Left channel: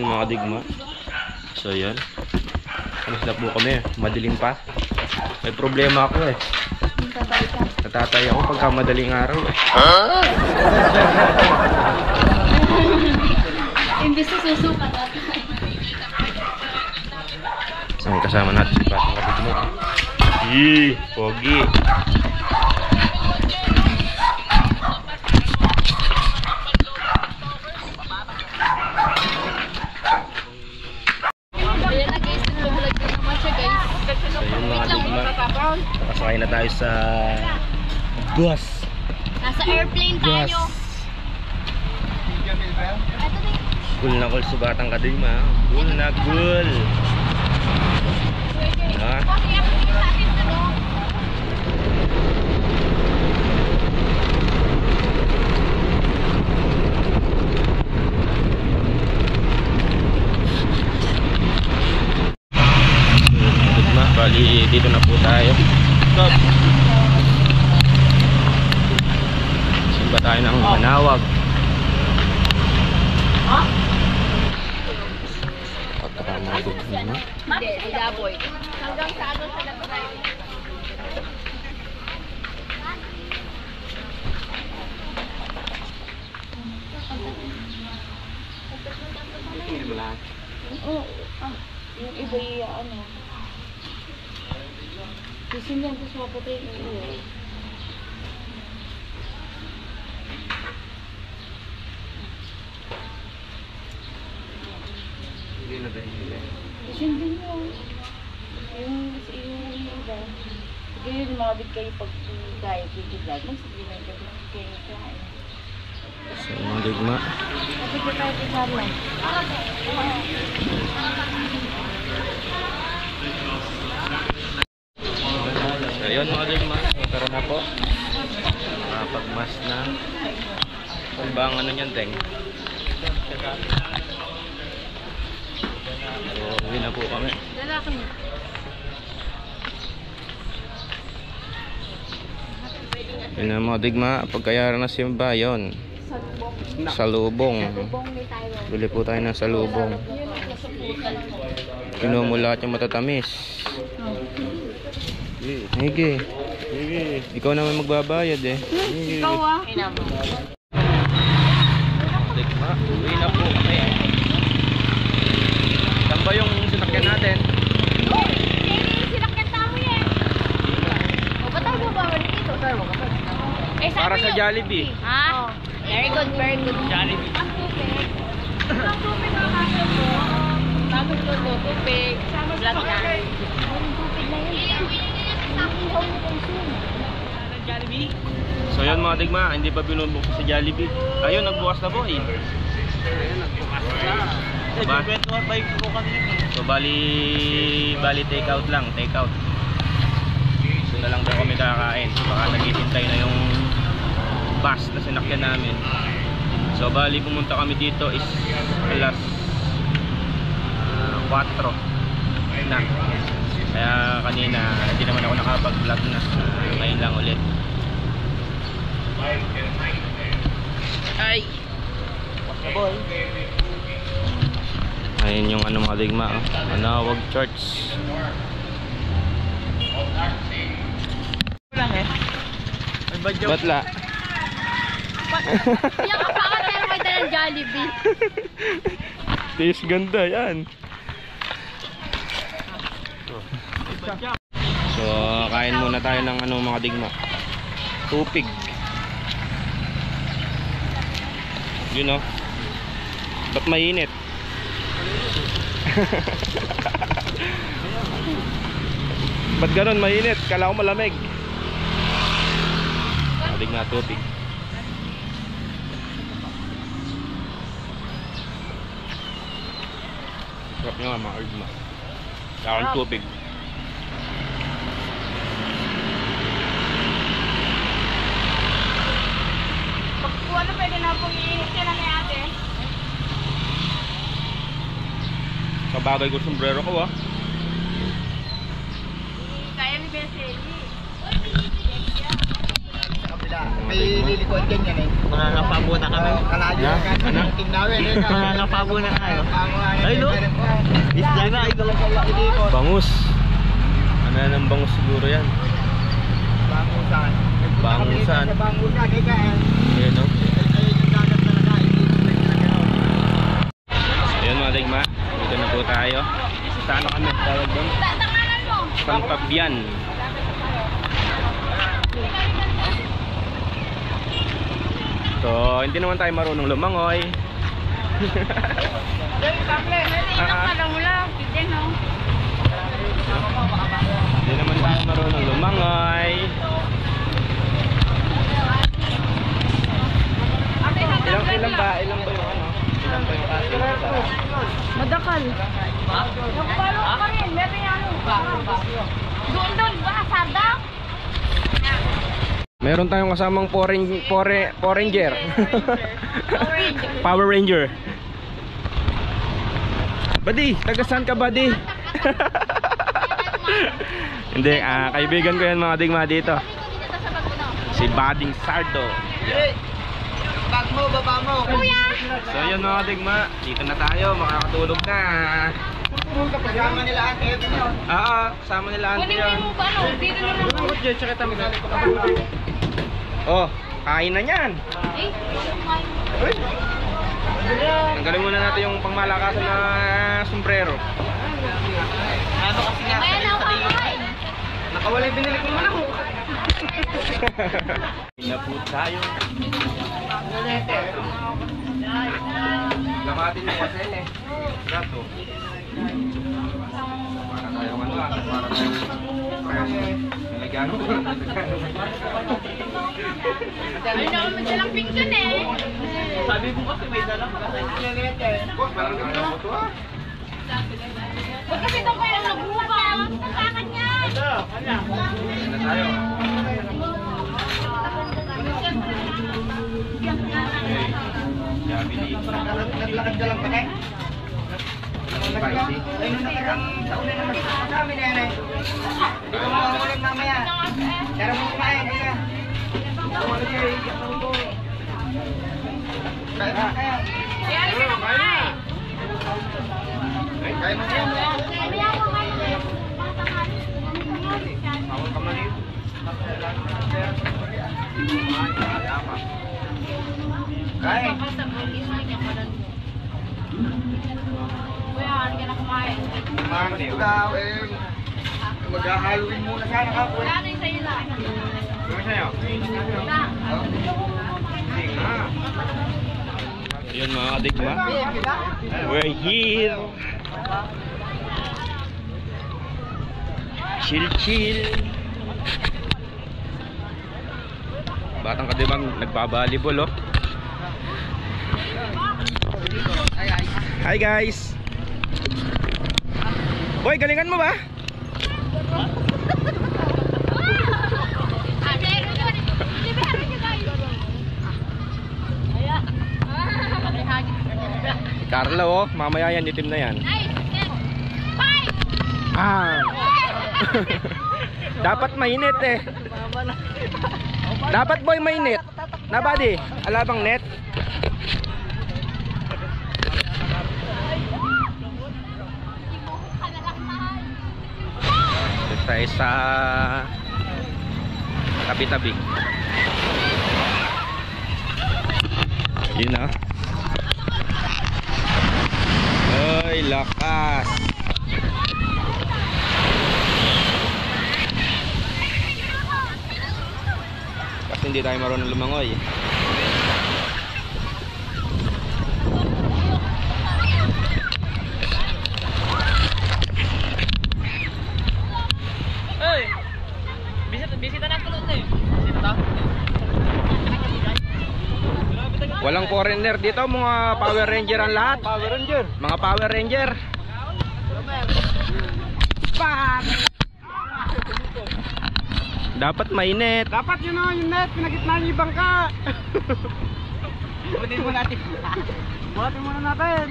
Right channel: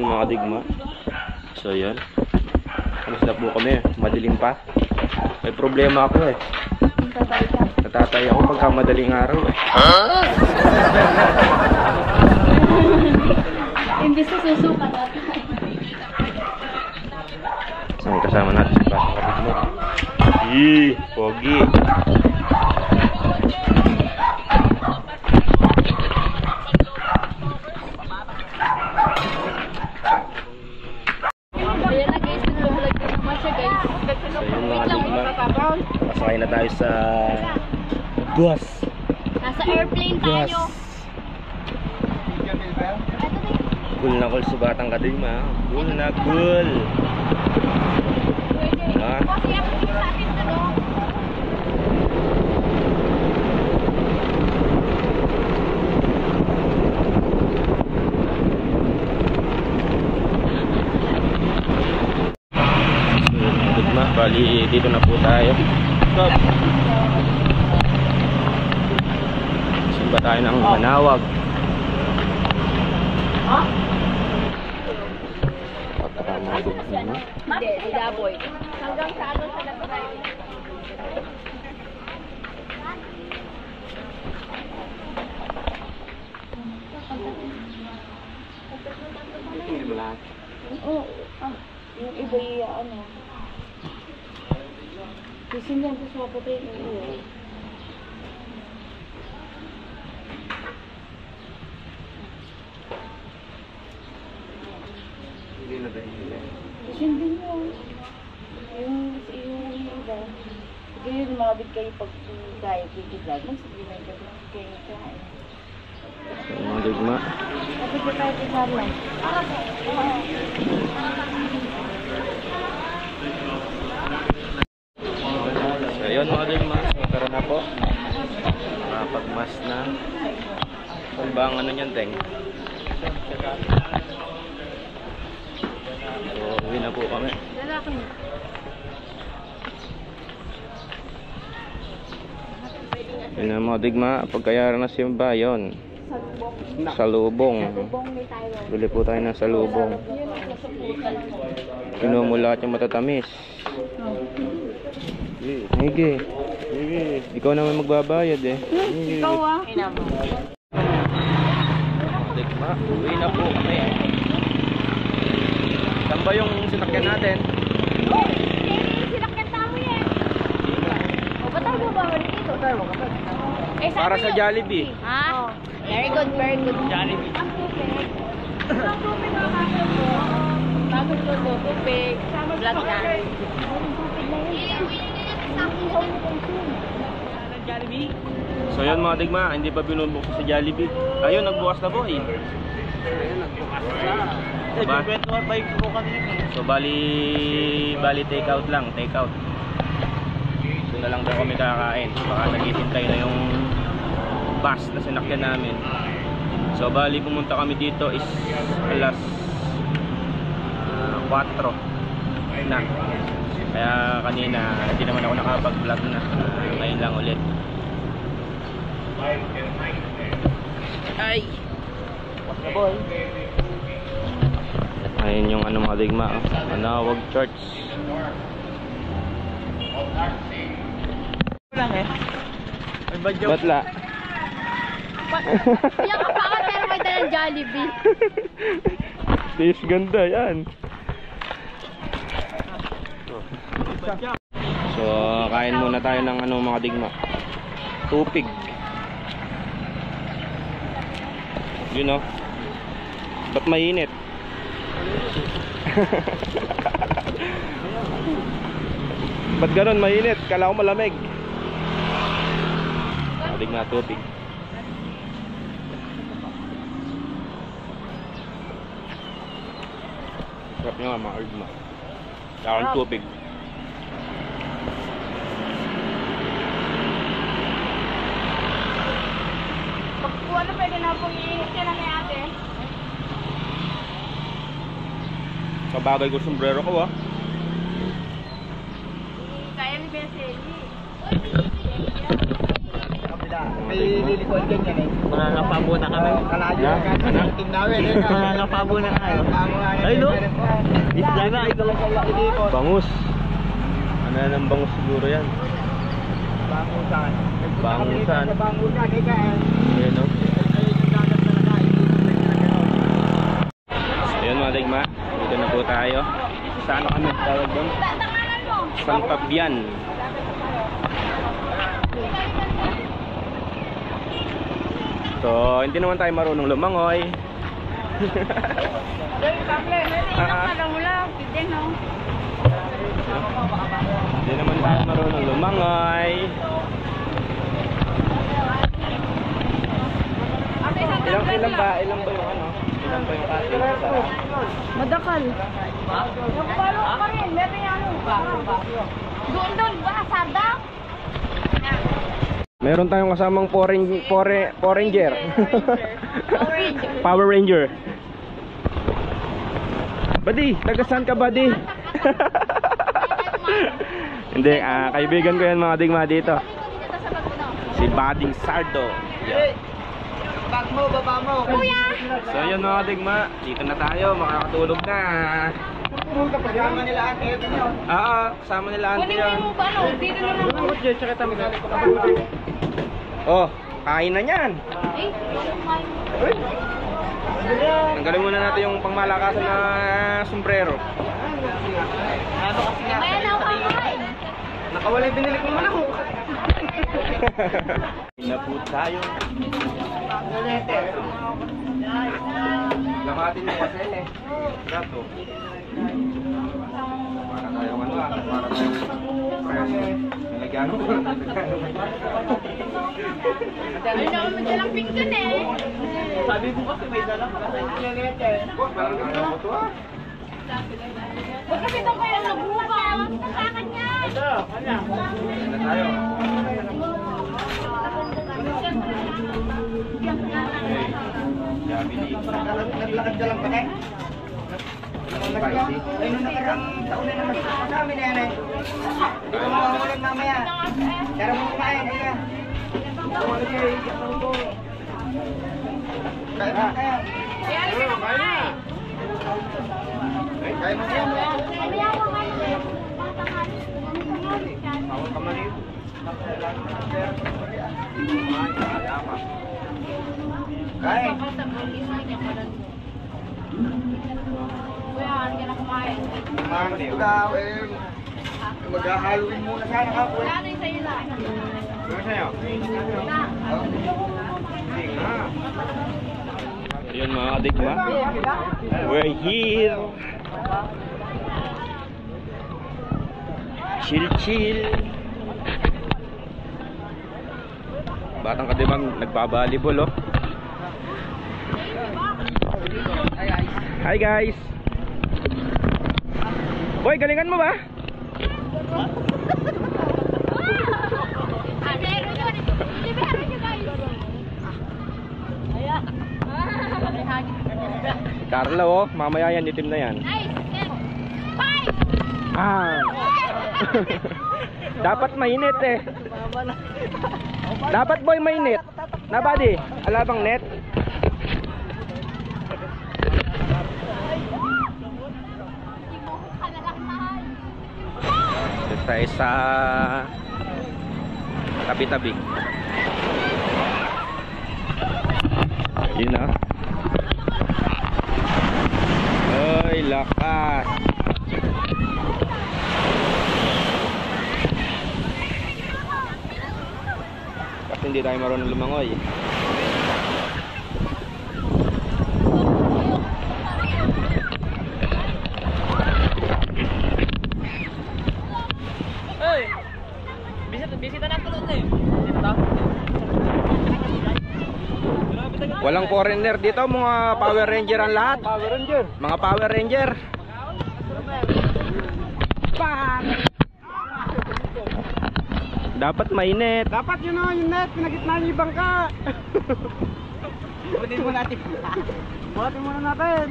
morning mga digma. So yan, alas na po kami, madilim pa. May problema ako eh, natatay ako pagka madaling araw eh. Imbis na susuka natin. So kasama natin si Pasong Kapitmo. Yee, pogi. Pasakay na tayo sa bus. Nasa airplane tayo. Cool na cool subatang kadima. Cool na cool. Ha? Bali dito na po tayo. Stop. Simba tayo ng Manawag. Hindi, Daboy. Hanggang sa ano sa Daboy. Hindi mo lahat. Oo. Yung iba yung ano. Kasi lang ito sa patay yung ulo. Hindi na tayo hila. Kasi hindi nyo. Yung iba. Sige yun, mabit kayo pag gaya dito vlog. Sige na kayo kain. So mga digma. Mabit ka tayo tingnan lang. Ayun mga digma, tara na po. Nakapagmas na. Kung ba ang ano nyan, Teng? So, uwi na po kami. Yun na mga digma, pagkayaran na simba, yun. Salubong. Bili po tayo ng salubong. Kinuha mo lahat yung matatamis. Hige. Ikaw naman magbabayad eh. Ikaw ah. Digma, uwi na po kami. Saan ba yung sinakyan natin? Sinakyan tamo yan. O, ba't tayo babawal dito? Para sa Jollibee. Ha? Very good, very good. Jollibee. Ang tubig. Ang tubig ang kaso po. Tapos logo, tubig. Black na. Ang tubig na yun. So yun mga digma, hindi pa binubuksan sa Jollibee. Ayun, nagbukas na po eh. Ayun, nagbukas na. Kwentuhan tayo po kanina. So bali take out lang, take out. So na lang daw kami kakain. Baka naghihintay na yung bus na sinakyan namin. So bali pumunta kami dito is alas 4 na. Kaya kanina hindi naman ako nakapag-vlog na. Ngayon lang ulit. Ay! Boy. Ayun yung ano mga digma, Manawag Church. Lang eh. May badyo. Batla. Yung kapakan pero may dalang Jollibee. Tis ganda yan. So kain muna tayo ng ano mga digma, tupig. Yun o. Ba't mainit? Ba't ganun mainit? Kala ko malamig. Madig na tupig. Sarap nyo nga mga digma. Kaya tupig. Kung ano pwede na pong iinit ka na ni ate. Kabagay ko sombrero ko ah. Kaya ni Bessie. may lilikuan ganyan eh. Mangangapabo na kami. Kalayo Na? ka Ano? ng team namin. Mangangapabo na tayo. Ay, no? Isla na, ito lang pala. Bangus. Ano na ng bangus siguro yan? Bangusan. Bangusan. Sa bangusan, ika eh. Ayan o. Ayun yung dagat talaga. Hindi na gano'n. Ayan mga digma. Dito na po tayo. Sa ano kami? Tawag doon? San Fabian. So, hindi naman tayo marunong lumangoy. Hindi naman tayo marunong lumangoy. Ilang ba yung ano? Ilang ba yung kasi? Madakal. Nakapalo ka rin. Meron yan. Doon ba? Sarda? Meron tayong kasamang Power Ranger. Power Ranger. Buddy, taga saan ka, buddy? Hindi, kaibigan ko yan mga digma dito. Si Bading Sardo. Bag mo, baba mo. So yun mga digma, dito na tayo, makakatulog na. Kasama nila ang Ate nyo. Kasama nila auntie yun. Dito na lang. Oh, kain na yan. Tanggalin muna natin yung pangmalakasan na sombrero. Ano kasi nga? Nakawala yung binili ko manok. Na po tayo. Gamatin mo kasi eh. Gato. Para tayong ano para tayong preso. Nalagyan mo. Ay, naman silang pinggan eh. Sabi mo kasi may dalang kasi. Parang gano'n mo to ah. Ba't kasi ito kayo nagbuka? Nagkakan niya. Na tayo. Okay. Jabili. Naglakad ka lang pa eh. Spicy. Ay, nung nakarang taon na naman sa amin na yan eh. Ikaw mo ang ulan mamaya. Tara mo kumain, kaya. Kaya. Kaya rin ka kumain. Kaya mo yan. Bawal ka mali. Kaya. Kuya, ano ka na kumain? Kumain daw eh. Mag-Halloween muna sana ka. Wala na yung sa'yo lang. Ano sa'yo? Na. Hindi nga. Ayun mga kadigma. We're here. Chill. Batang kadibang nagbabalibol oh. Hi guys. Boy, galingan mo ba? Ah, meron yun. Hindi meron yun guys. Ayan. Carlo oh, mamaya yan itim na yan. Nice. Five. Dapat mainit eh. Dapat boy mainit. Na buddy, alabang net. Ito tayo sa tabi-tabi. Yun na. Ay, lakas. Kasi hindi tayo marunong lumangoy. Hey! Bisita na tulog na eh. Bisita. Walang foreigner dito, mga Power Ranger ang lahat. Power Ranger. Mga Power Ranger. Dapat mainit. Dapat yun o, yung net, pinagitnaan yung bangka. Butin mo natin. Butin muna natin.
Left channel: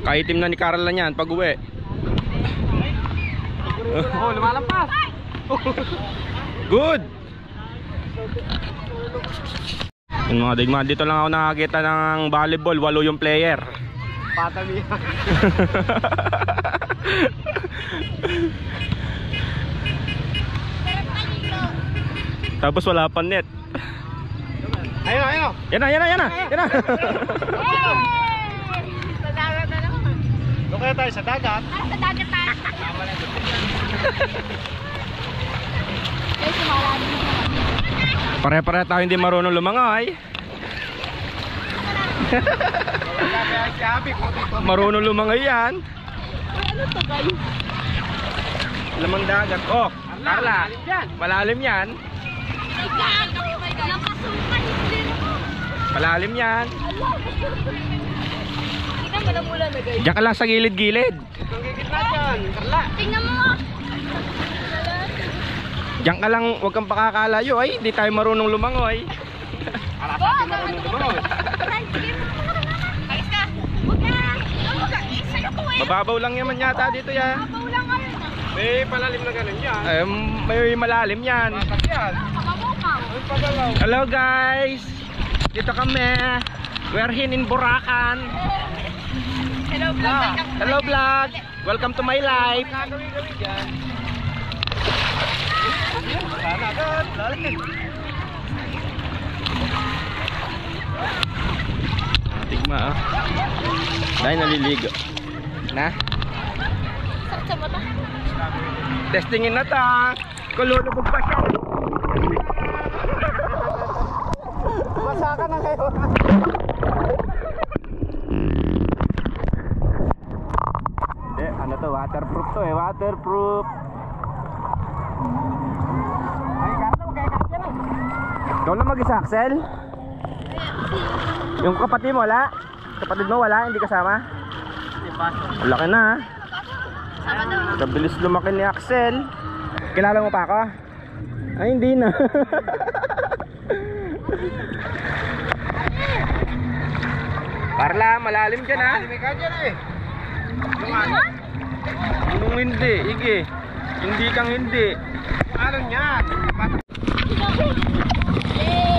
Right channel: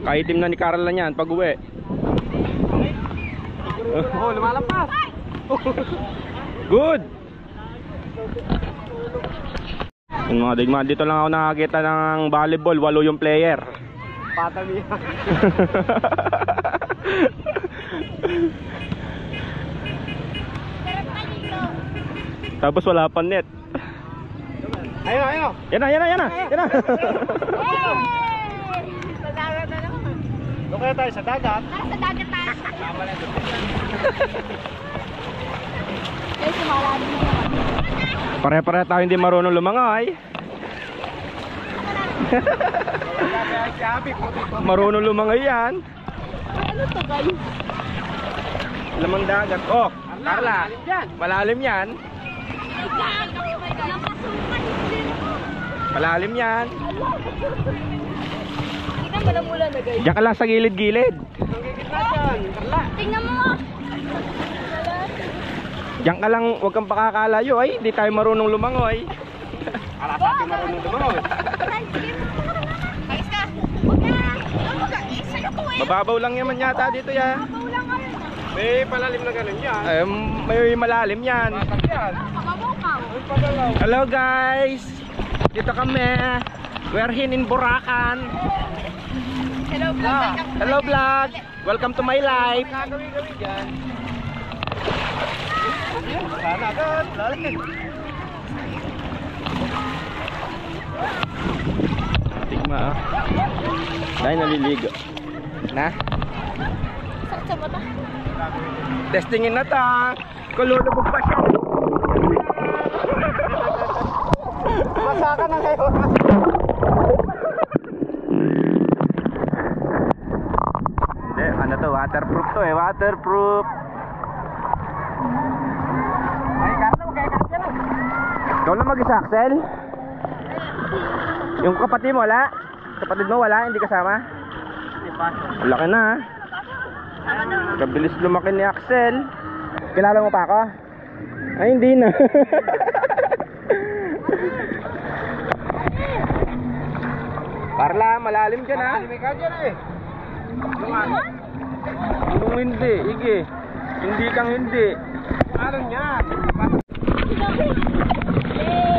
Kaitim na ni Carl na yan pag uwi. Oh, lumalampas. Good! Yung mga digma, dito lang ako nakakita ng volleyball, 8 yung player. Patami. Tapos wala pa net. Ayun, ayun. Yan na, yan na, yan na, yan na. Sa dagat na naman. Doon kaya tayo sa dagat. Sa dagat tayo. Guys, malalim na naman. Pare-pare tayo hindi marunong lumangoy. Marunong lumangoy yan. Ano to guys? Lamang dagat. Oh, Carla, malalim yan. Malalim yan. Kita mo lang mula na guys. Diyan ka lang sa gilid-gilid. Tingnan mo. Diyan ka lang, huwag kang pakakalayo. Ay, hindi tayo marunong lumangoy. Ala sa atin marunong lumangoy. Ayos ka. Huwag ka. Huwag ka. Sa'yo ko eh. Mababaw lang naman yata dito ya. Paulang ka. May palalim na ganun yan. May malalim yan. Bakit yan? Mamamukaw. May pagalaw. Hello guys. Dito kami. We're here in Buracan. Hello vlog. Hello vlog. Welcome to my life. Gagawin dyan. Sana agad. Lalim. Tigma ah. Dahil naliligo. Na? Sakit sa mata. Testingin na ta. Kululubog pa siya. Masaka na ngayon. Hindi, ano to? Waterproof to eh. Waterproof. Ay, Carla, huwag kayo kakya lang. Ikaw lang mag-isa, Axel? Yung kapatid mo wala? Kapatid mo wala? Hindi kasama? Ang laki na ha. Sama daw. Kabilis lumaki ni Axel. Kilala mo pa ako? Ay hindi na. Carla, malalim dyan ha. Malalim ka dyan eh. Yung ano? Anong hindi? Ige. Hindi kang hindi. Ano yan? Yay!